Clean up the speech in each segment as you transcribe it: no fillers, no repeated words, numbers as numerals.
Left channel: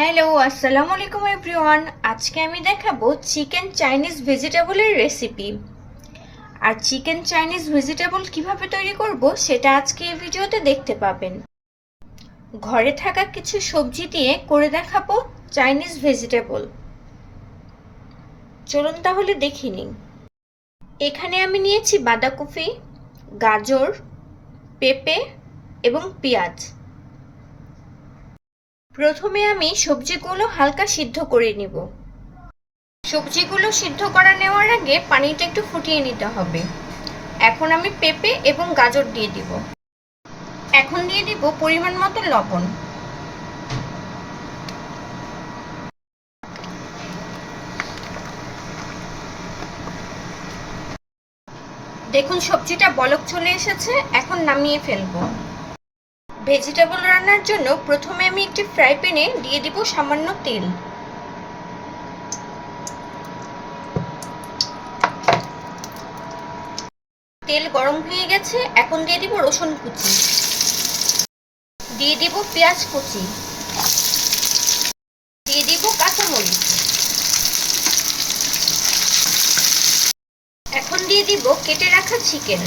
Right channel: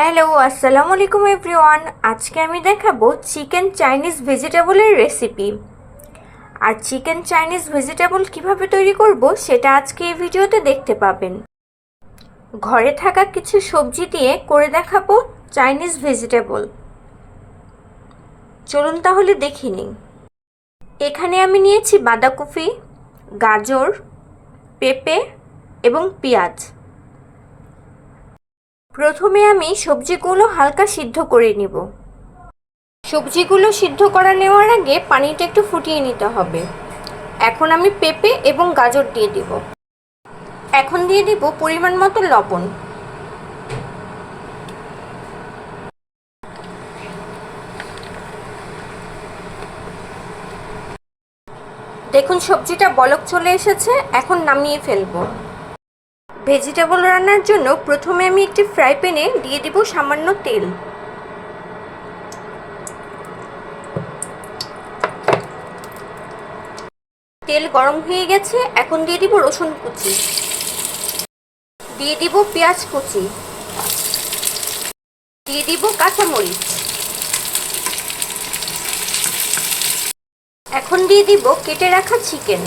Hello, আসসালামু আলাইকুম everyone. আজকে আমি দেখাবো চিকেন চাইনিজ ভেজিটেবলের রেসিপি। আর চিকেন চাইনিজ ভেজিটেবল কিভাবে তৈরি করব সেটা আজকে এই ভিডিওতে দেখতে পাবেন। ঘরে থাকা কিছু সবজি দিয়ে করে দেখাবো চাইনিজ ভেজিটেবল। চলুন তাহলে দেখে নিন। এখানে আমি নিয়েছি বাঁধাকপি, গাজর, পেঁপে এবং পেঁয়াজ। প্রথমে আমি সবজিগুলো হালকা সিদ্ধ করে নিব। সবজিগুলো সিদ্ধ করা নেওয়ার আগে পানিটা একটু ফুটিয়ে নিতে হবে। এখন আমি পেঁপে এবং গাজর দিয়ে দিব। এখন দিয়ে দিব পরিমাণ মতো লবণ। দেখুন সবজিটা বলক চলে এসেছে, এখন নামিয়ে ফেলবো। ভেজিটেবল রান্নার জন্য প্রথমে আমি একটি ফ্রাই প্যানে দিয়ে দিব সামান্য তেল। তেল গরম হয়ে গেছে, এখন দিয়ে দিব রসুন কুচি, দিয়ে দিব পেঁয়াজ কুচি, দিয়ে দিব কাঁচামরিচ, এখন দিয়ে দিব কেটে রাখা চিকেন,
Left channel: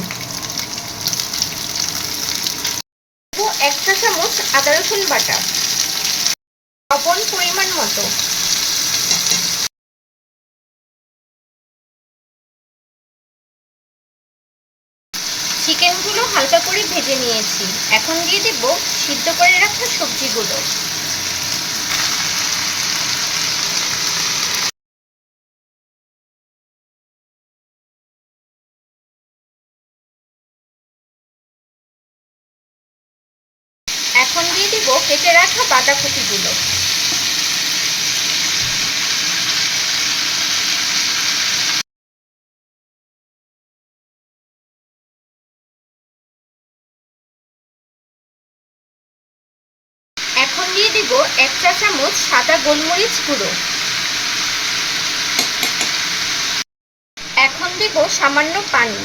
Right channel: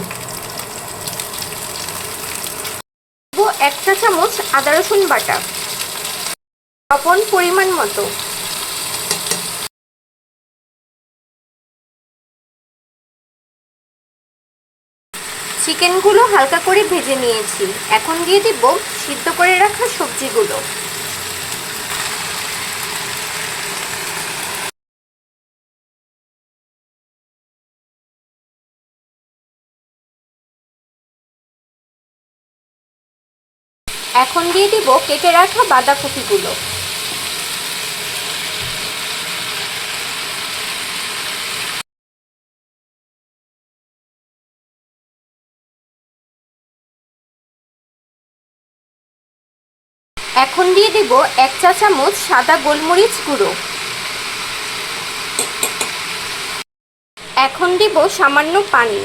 দিব 1 চা চামচ আদা রসুন বাটা, লবণ পরিমাণ মতো। চিকেনগুলো হালকা করে ভেজে নিয়েছি, এখন দিয়ে দিব সিদ্ধ করে রাখা সবজিগুলো। এখন দিয়ে দিব কেটে রাখা বাঁধাকপিগুলো। এখন দিয়ে দিব 1 চা চামচ সাদা গোলমরিচ গুঁড়ো। এখন দিব সামান্য পানি।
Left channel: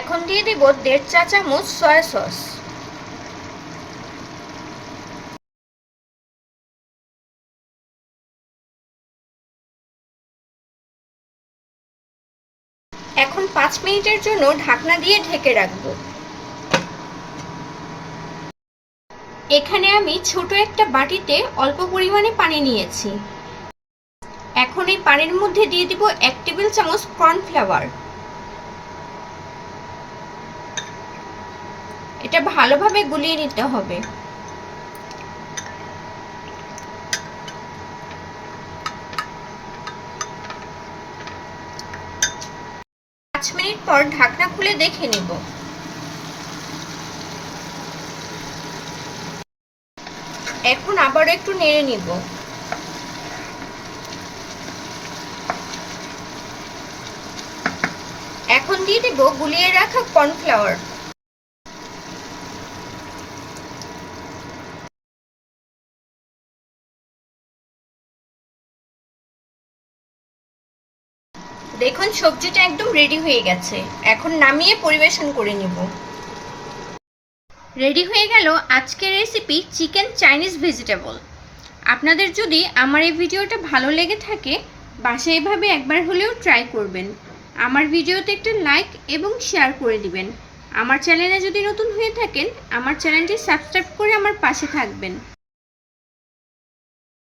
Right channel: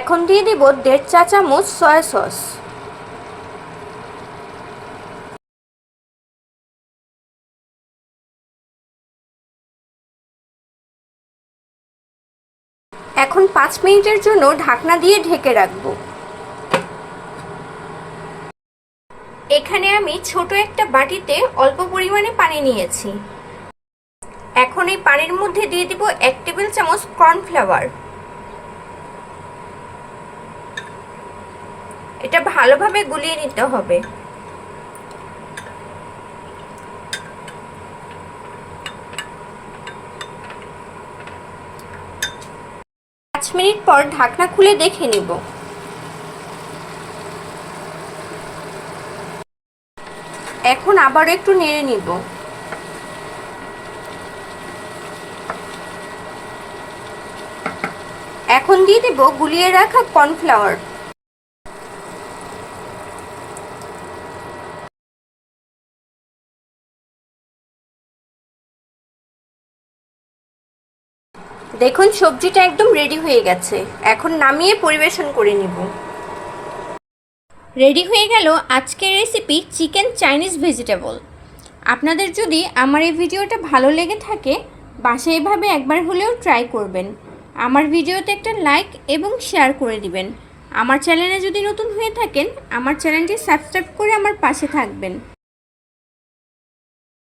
এখন দিয়ে দিব 1.5 চা চামচ সয়া সস। এখন 5 মিনিটের জন্য ঢাকনা দিয়ে ঢেকে রাখবো। এখানে আমি ছোট একটা বাটিতে অল্প পরিমাণে পানি নিয়েছি। এখন এই পানির মধ্যে দিয়ে দিব 1 টেবিল চামচ কর্নফ্লাওয়ার। এটা ভালোভাবে গুলিয়ে নিতে হবে। 5 মিনিট পর ঢাকনা খুলে দেখে নিব। এখন আবার একটু নেড়ে নিব। এখন দিয়ে দেব গুলিয়ে রাখা কর্নফ্লাওয়ার। দেখুন সবজিটা একদম রেডি হয়ে গেছে, এখন নামিয়ে পরিবেশন করে নিব। রেডি হয়ে গেল আজকের রেসিপি চিকেন চাইনিজ ভেজিটেবল। আপনাদের যদি আমার এই ভিডিওটা ভালো লেগে থাকে, বাসায় এভাবে একবার হলেও ট্রাই করবেন। আমার ভিডিওতে একটা লাইক এবং শেয়ার করে দিবেন। আমার চ্যানেলে যদি নতুন হয়ে থাকেন, আমার চ্যানেলটি সাবস্ক্রাইব করে আমার পাশে থাকবেন।